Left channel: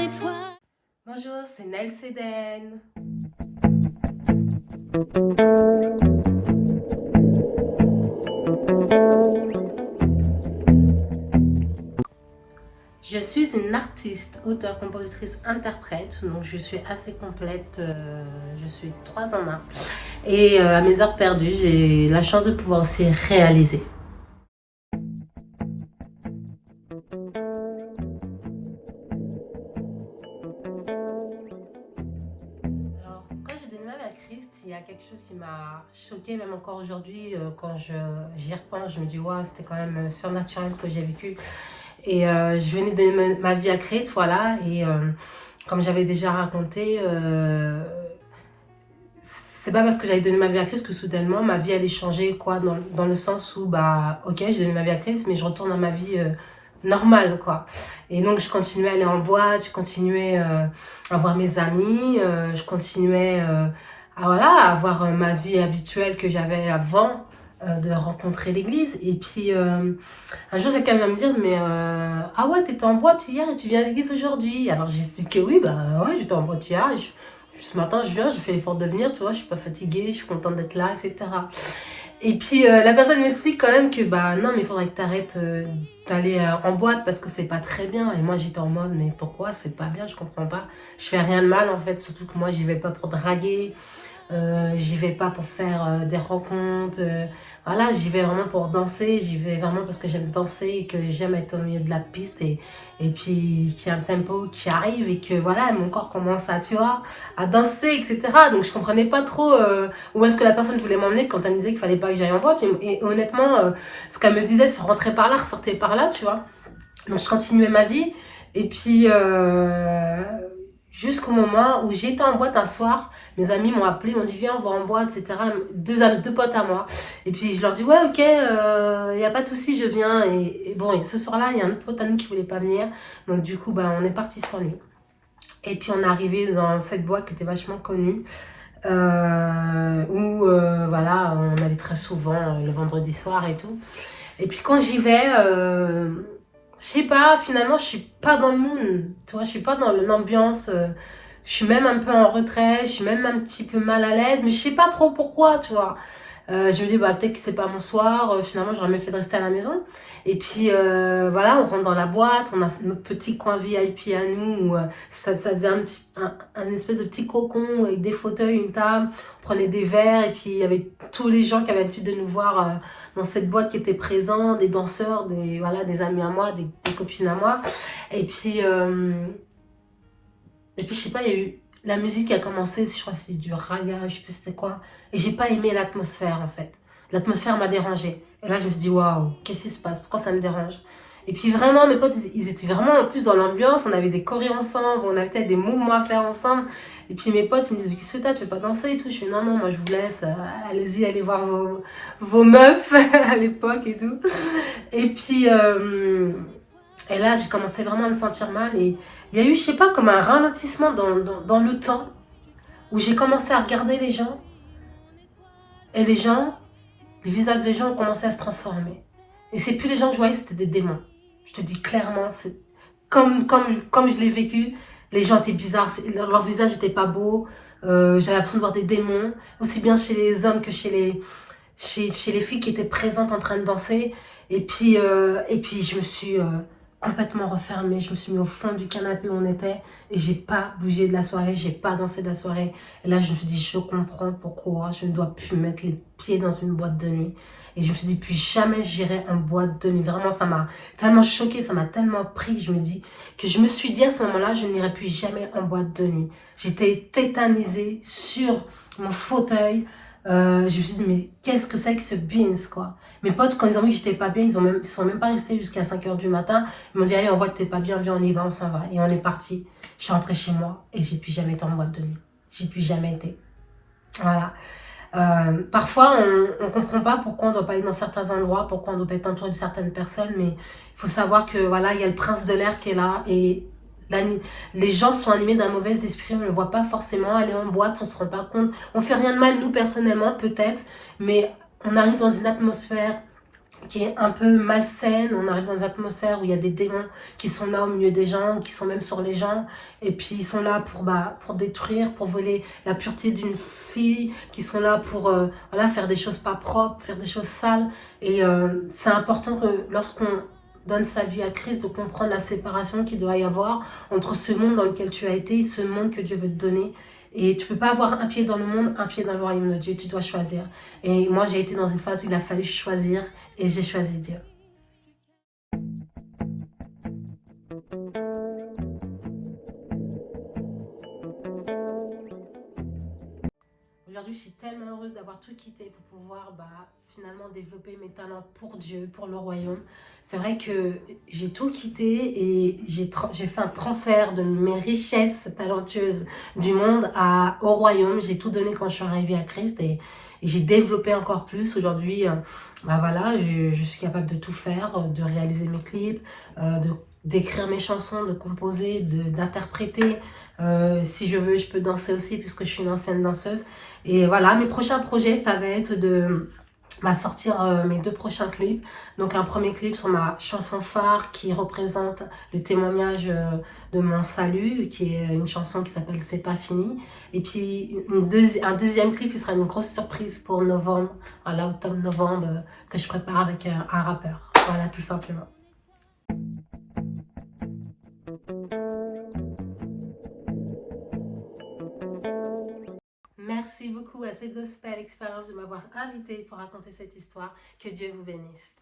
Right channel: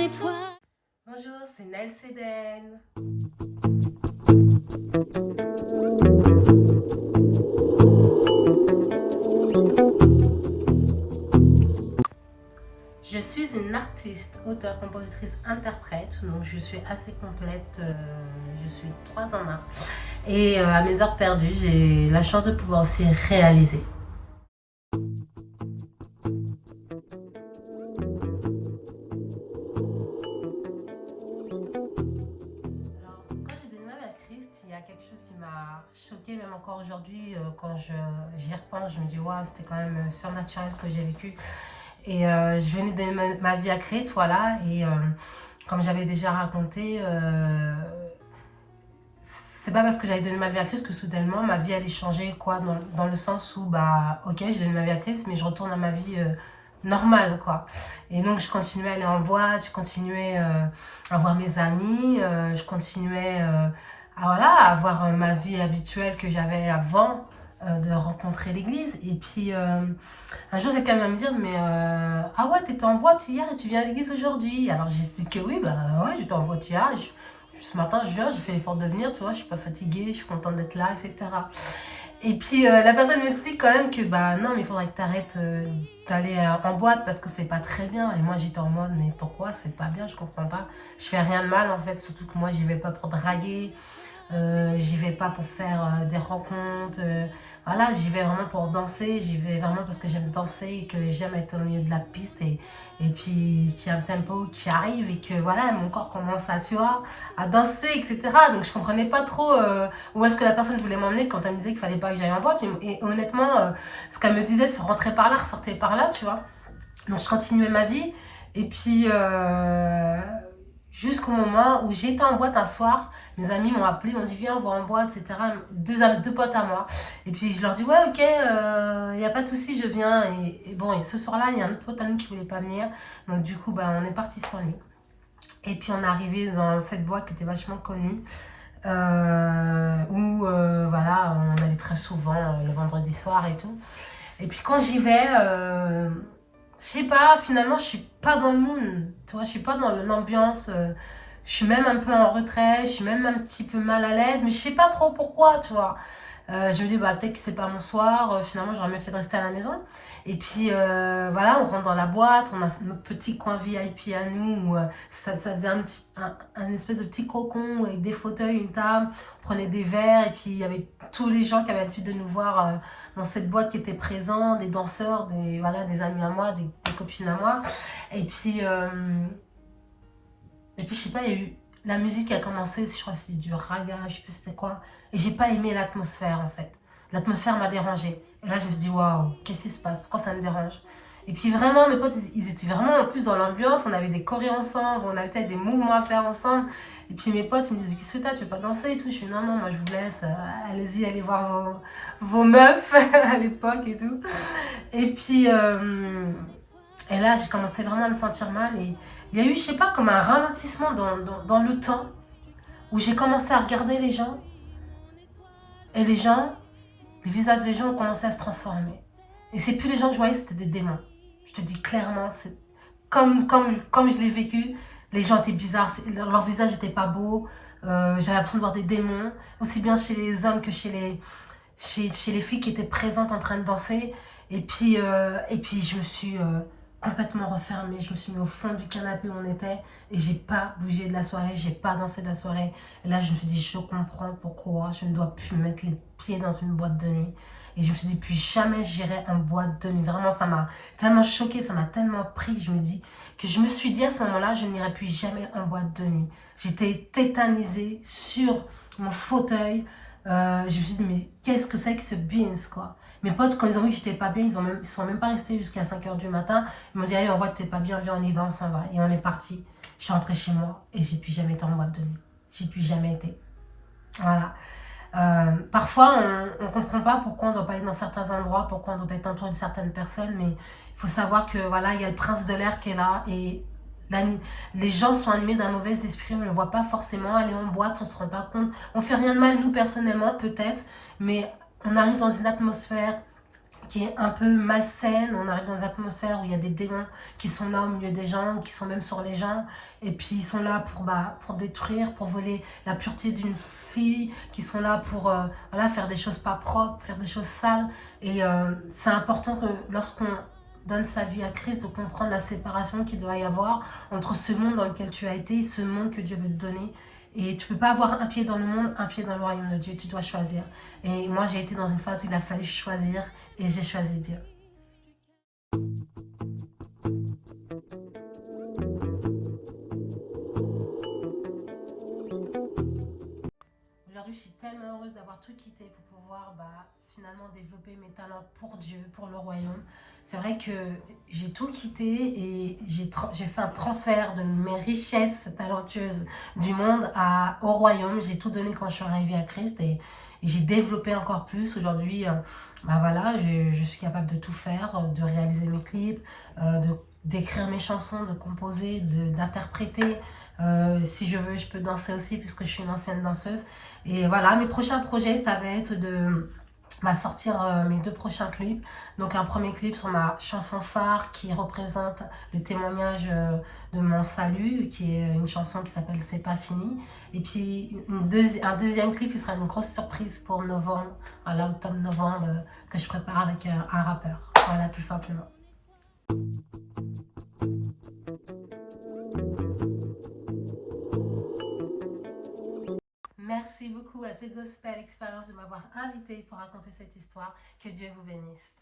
étoile. Bonjour, c'est Nel Séden. Je suis une artiste, auteure, compositrice, interprète, donc je suis assez complète, je suis 3 en 1. Et à mes heures perdues, j'ai la chance de pouvoir aussi réaliser. Alors, quand j'ai donné ma vie à Christ, il y a quelque chose qui m'a choquée, même encore aujourd'hui, quand j'y repense, je me dis, waouh, c'était quand même surnaturel ce que j'ai vécu. Et je venais de donner ma vie à Christ, voilà, et comme j'avais déjà raconté, c'est pas parce que j'avais donné ma vie à Christ que soudainement ma vie allait changer, quoi, dans le sens où, bah, ok, j'ai donné ma vie à Christ, mais je retourne à ma vie normale, quoi. Et donc, je continuais à aller en boîte, je continuais à voir mes amis, je continuais voilà, à avoir ma vie habituelle que j'avais avant de rencontrer l'église. Et puis, un jour, quelqu'un va me dire, mais ah ouais, t'étais en boîte hier et tu viens à l'église aujourd'hui. Alors, j'explique que oui, bah ouais, j'étais en boîte hier. Ce matin, je viens, j'ai fait l'effort de venir, tu vois, je suis pas fatiguée, je suis contente d'être là, etc. Et puis, la personne m'explique quand même que, bah non, mais il faudrait que tu arrêtes d'aller en boîte parce que c'est pas très bien. Et moi, j'étais en mode, mais pourquoi c'est pas bien, je comprends pas. Je fais rien de mal, en fait, surtout que moi, j'y vais pas pour draguer. J'y vais pas pour faire des rencontres, voilà, j'y vais vraiment pour danser, j'y vais vraiment parce que j'aime danser et que j'aime être au milieu de la piste et puis qu'il y a un tempo qui arrive et que voilà, mon corps commence à, tu vois, à danser, etc. Donc je comprenais pas trop où est-ce que la personne voulait m'emmener quand elle me disait qu'il fallait pas que j'aille en boîte et honnêtement, ce qu'elle me disait, c'est rentrer par là, ressortir par là, tu vois. Donc je continuais ma vie et puis jusqu'au moment où j'étais en boîte un soir, mes amis m'ont appelé, m'ont dit viens on va en boîte, etc. Deux potes à moi. Et puis je leur dis ouais ok, y a pas de souci, je viens. Et bon, et ce soir-là, il y a un autre pote à nous qui voulait pas venir. Donc du coup, bah, on est parti sans lui. Et puis on est arrivé dans cette boîte qui était vachement connue. Où voilà, on allait très souvent le vendredi soir et tout. Et puis quand j'y vais, je sais pas, finalement, je suis pas dans le mood, tu vois, je suis pas dans l'ambiance, je suis même un peu en retrait, je suis même un petit peu mal à l'aise, mais je sais pas trop pourquoi, tu vois. Je me dis, bah, peut-être que c'est pas mon soir, finalement, j'aurais mieux fait de rester à la maison. Et puis, voilà, on rentre dans la boîte, on a notre petit coin VIP à nous, où ça faisait un espèce de petit cocon avec des fauteuils, une table, on prenait des verres, et puis il y avait tous les gens qui avaient l'habitude de nous voir dans cette boîte qui étaient présents, des danseurs, voilà, des amis à moi, des copines à moi. Et puis, je sais pas, il y a eu la musique qui a commencé, je crois que c'était du raga, je sais plus c'était quoi. Et j'ai pas aimé l'atmosphère en fait. L'atmosphère m'a dérangée. Et là je me suis dit waouh, qu'est-ce qui se passe? Pourquoi ça me dérange? Et puis vraiment, mes potes, ils étaient vraiment en plus dans l'ambiance. On avait des chorés ensemble, on avait peut-être des mouvements à faire ensemble. Et puis mes potes, ils me disaient, qu'est-ce que t'as, tu veux pas danser et tout? Je suis non, non, moi je vous laisse, allez-y, allez voir vos meufs à l'époque et tout. Et puis, et là, j'ai commencé vraiment à me sentir mal. Et il y a eu, je sais pas, comme un ralentissement dans le temps où j'ai commencé à regarder les gens. Et les gens, les visages des gens ont commencé à se transformer. Et c'est plus les gens que je voyais, c'était des démons. Je te dis clairement, c'est comme je l'ai vécu, les gens étaient bizarres, leur visage n'était pas beau. J'avais l'impression de voir des démons, aussi bien chez les hommes que chez les filles qui étaient présentes en train de danser. Et puis je me suis complètement refermée. Je me suis mis au fond du canapé où on était et j'ai pas bougé de la soirée, j'ai pas dansé de la soirée. Et là, je me suis dit, je comprends pourquoi je ne dois plus mettre les pieds dans une boîte de nuit. Et je me suis dit, plus jamais j'irai en boîte de nuit. Vraiment, ça m'a tellement choquée, ça m'a tellement pris que je me suis dit à ce moment-là, je n'irai plus jamais en boîte de nuit. J'étais tétanisée sur mon fauteuil. Je me suis dit, mais qu'est-ce que c'est que ce beans, quoi? Mes potes, quand ils ont vu que j'étais pas bien, ils sont même pas restés jusqu'à 5 h du matin. Ils m'ont dit, allez, on voit que t'es pas bien, viens, on y va, on s'en va. Et on est parti. Je suis rentrée chez moi et j'ai plus jamais été en boîte de nuit. J'ai plus jamais été. Voilà. Parfois, on ne comprend pas pourquoi on ne doit pas aller dans certains endroits, pourquoi on ne doit pas être entouré de certaines personnes, mais il faut savoir que voilà, il y a le prince de l'air qui est là et les gens sont animés d'un mauvais esprit, on ne le voit pas forcément, aller en boîte, on ne se rend pas compte, on fait rien de mal nous personnellement peut-être, mais on arrive dans une atmosphère qui est un peu malsaine. On arrive dans une atmosphère où il y a des démons qui sont là au milieu des gens, qui sont même sur les gens. Et puis ils sont là pour détruire, pour voler la pureté d'une fille, qui sont là pour voilà, faire des choses pas propres, faire des choses sales. Et c'est important que lorsqu'on donne sa vie à Christ, de comprendre la séparation qu'il doit y avoir entre ce monde dans lequel tu as été et ce monde que Dieu veut te donner. Et tu ne peux pas avoir un pied dans le monde, un pied dans le royaume de Dieu. Tu dois choisir. Et moi, j'ai été dans une phase où il a fallu choisir et j'ai choisi Dieu. Aujourd'hui, je suis tellement heureuse d'avoir tout quitté pour pouvoir finalement développer mes talents pour Dieu, pour le royaume. C'est vrai que j'ai tout quitté et j'ai fait un transfert de mes richesses talentueuses du monde au royaume. J'ai tout donné quand je suis arrivée à Christ et j'ai développé encore plus. Aujourd'hui, voilà, je suis capable de tout faire, de réaliser mes clips, d'écrire mes chansons, de composer, d'interpréter. Si je veux, je peux danser aussi puisque je suis une ancienne danseuse. Et voilà, mes prochains projets, ça va être de sortir mes 2 prochains clips. Donc un premier clip sur ma chanson phare qui représente le témoignage de mon salut, qui est une chanson qui s'appelle C'est pas fini. Et puis un deuxième clip qui sera une grosse surprise pour novembre, voilà, octobre-novembre, que je prépare avec un rappeur. Voilà, tout simplement. Merci beaucoup à The Gospel Experience de m'avoir invité pour raconter cette histoire. Que Dieu vous bénisse.